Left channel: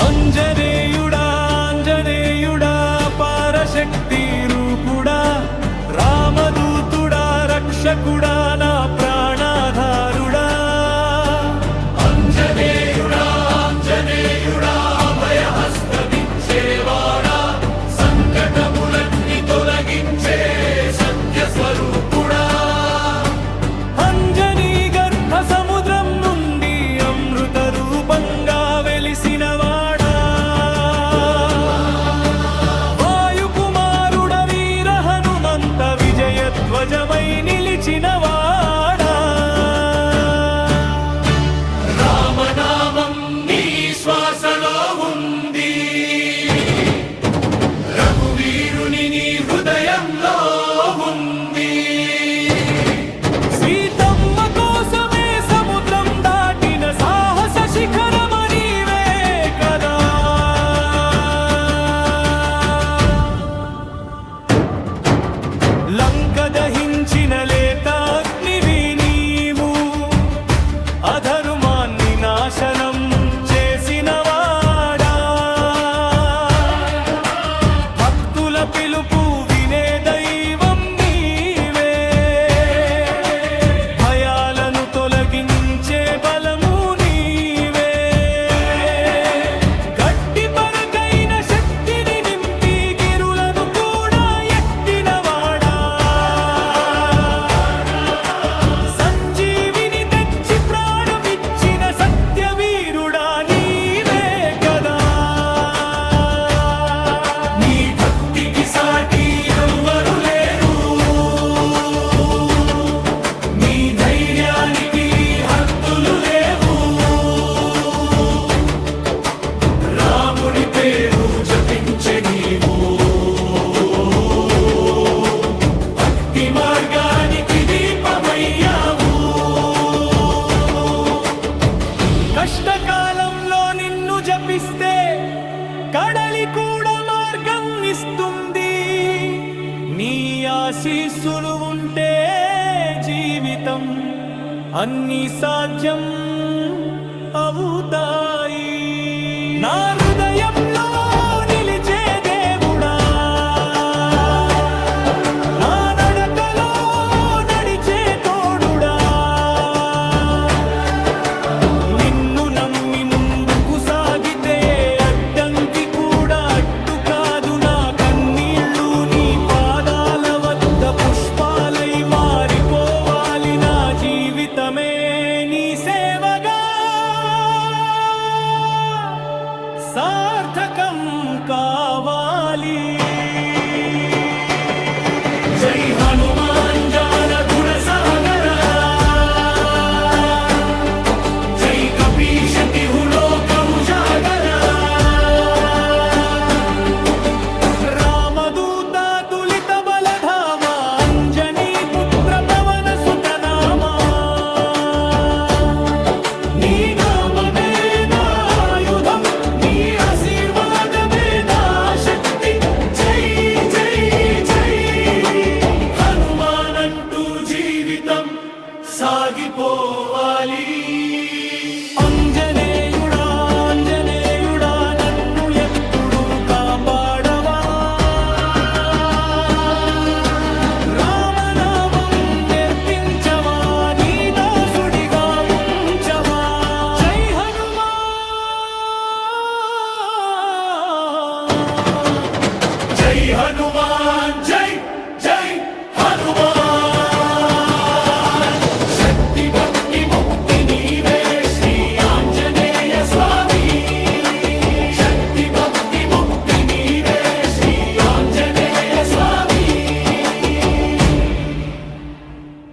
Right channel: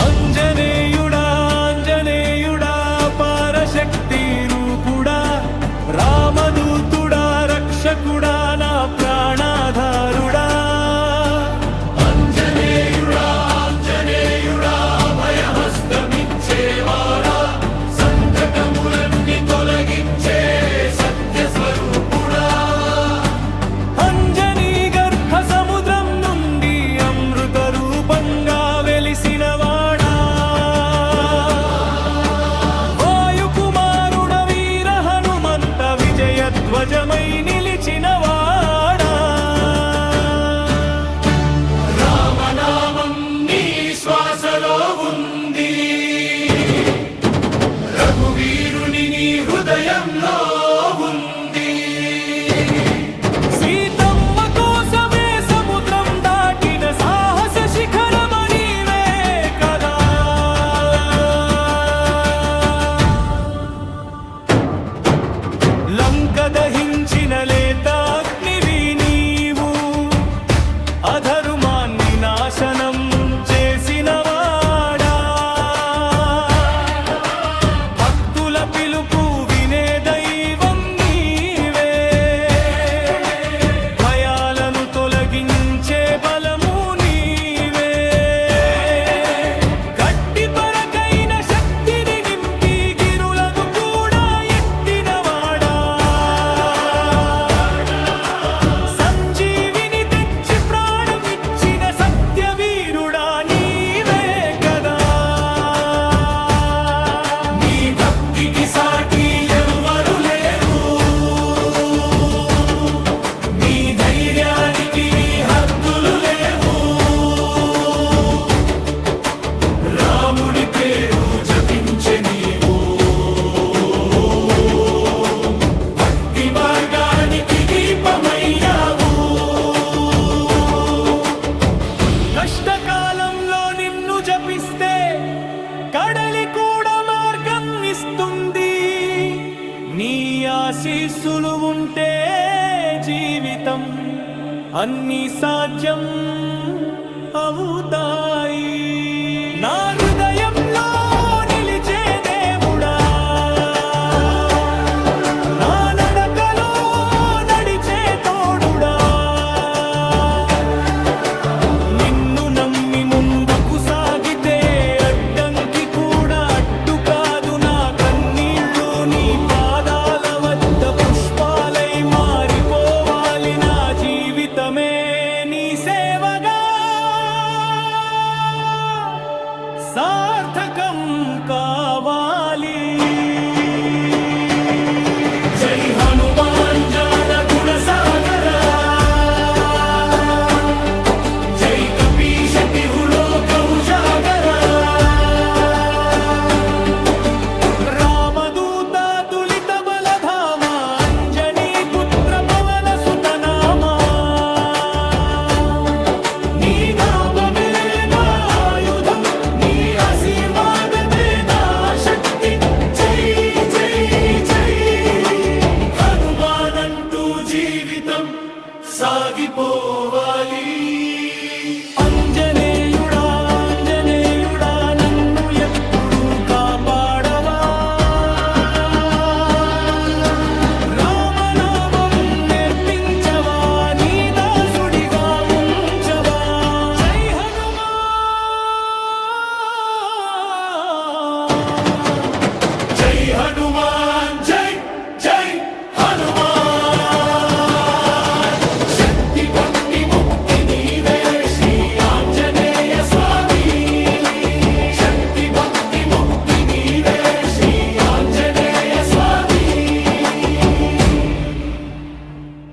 అంజనేయుడా అంజనేయుడా పరశక్తి రూపుడా రామదూతుడా రక్షకుడా నా ప్రాణాధారుడా అంజనేయుడా అంజనేయుడా భయహస్తమిచ్చేవాడా సంకటములన్నీ తొలగించే సత్య స్వరూపుడా అంజనీ గర్భ సముద్రం నుండి అమృత రూపంగా వెలిసినవాడా వాయుకుమారుడ వీర హనుమంత విజయధ్వజమై నిలిచినవాడా రామనామం నీ శ్వాసలో ఉంది రఘువీరుని నీ హృదయంలో ఉంది సీతమ్మ కోసమే సముద్రం దాటిన సాహస శిఖరమణివే కదా లంక దహించిన లేత అగ్నివి నీవు అధర్మాన్ని నాశనం చేసినవాడా భక్తుల పిలుపు వినే దైవం నీవే భయాలను తొలగించే బలము నీవే గట్టి పరకైన శక్తిని నింపి గిరులను కూడా ఎత్తినవాడా సంజీవిని తెచ్చి ప్రాణమిచ్చిన సత్యవీరుడా నీవే కదా నీ భక్తికి సాటి ఎవ్వరు లేరు నీ ధైర్యానికి హద్దులు లేవు రాముడి పేరు జపించే నీవు భక్తి మార్గానికి దీపమయ్యావు కష్టకాలంలో నిన్ను జపిస్తే కడలి కూడా మార్గం ఇస్తుంది నీ ఆశీస్సులు ఉంటే జీవితం అన్ని సాధ్యం అవుతాయి నా హృదయంలో నిలిచే దేవుడా నా నడకలో నడిచే తోడుడా నిన్ను నమ్మి ముందుకు సాగితే అడ్డంకి కూడా అడ్డు కాదు నా కన్నీళ్ళు నీ పాదాల వద్ద పుష్పాలై మారిపోవాలి నా జీవితమే నీ సేవగా సార్థకం కావాలి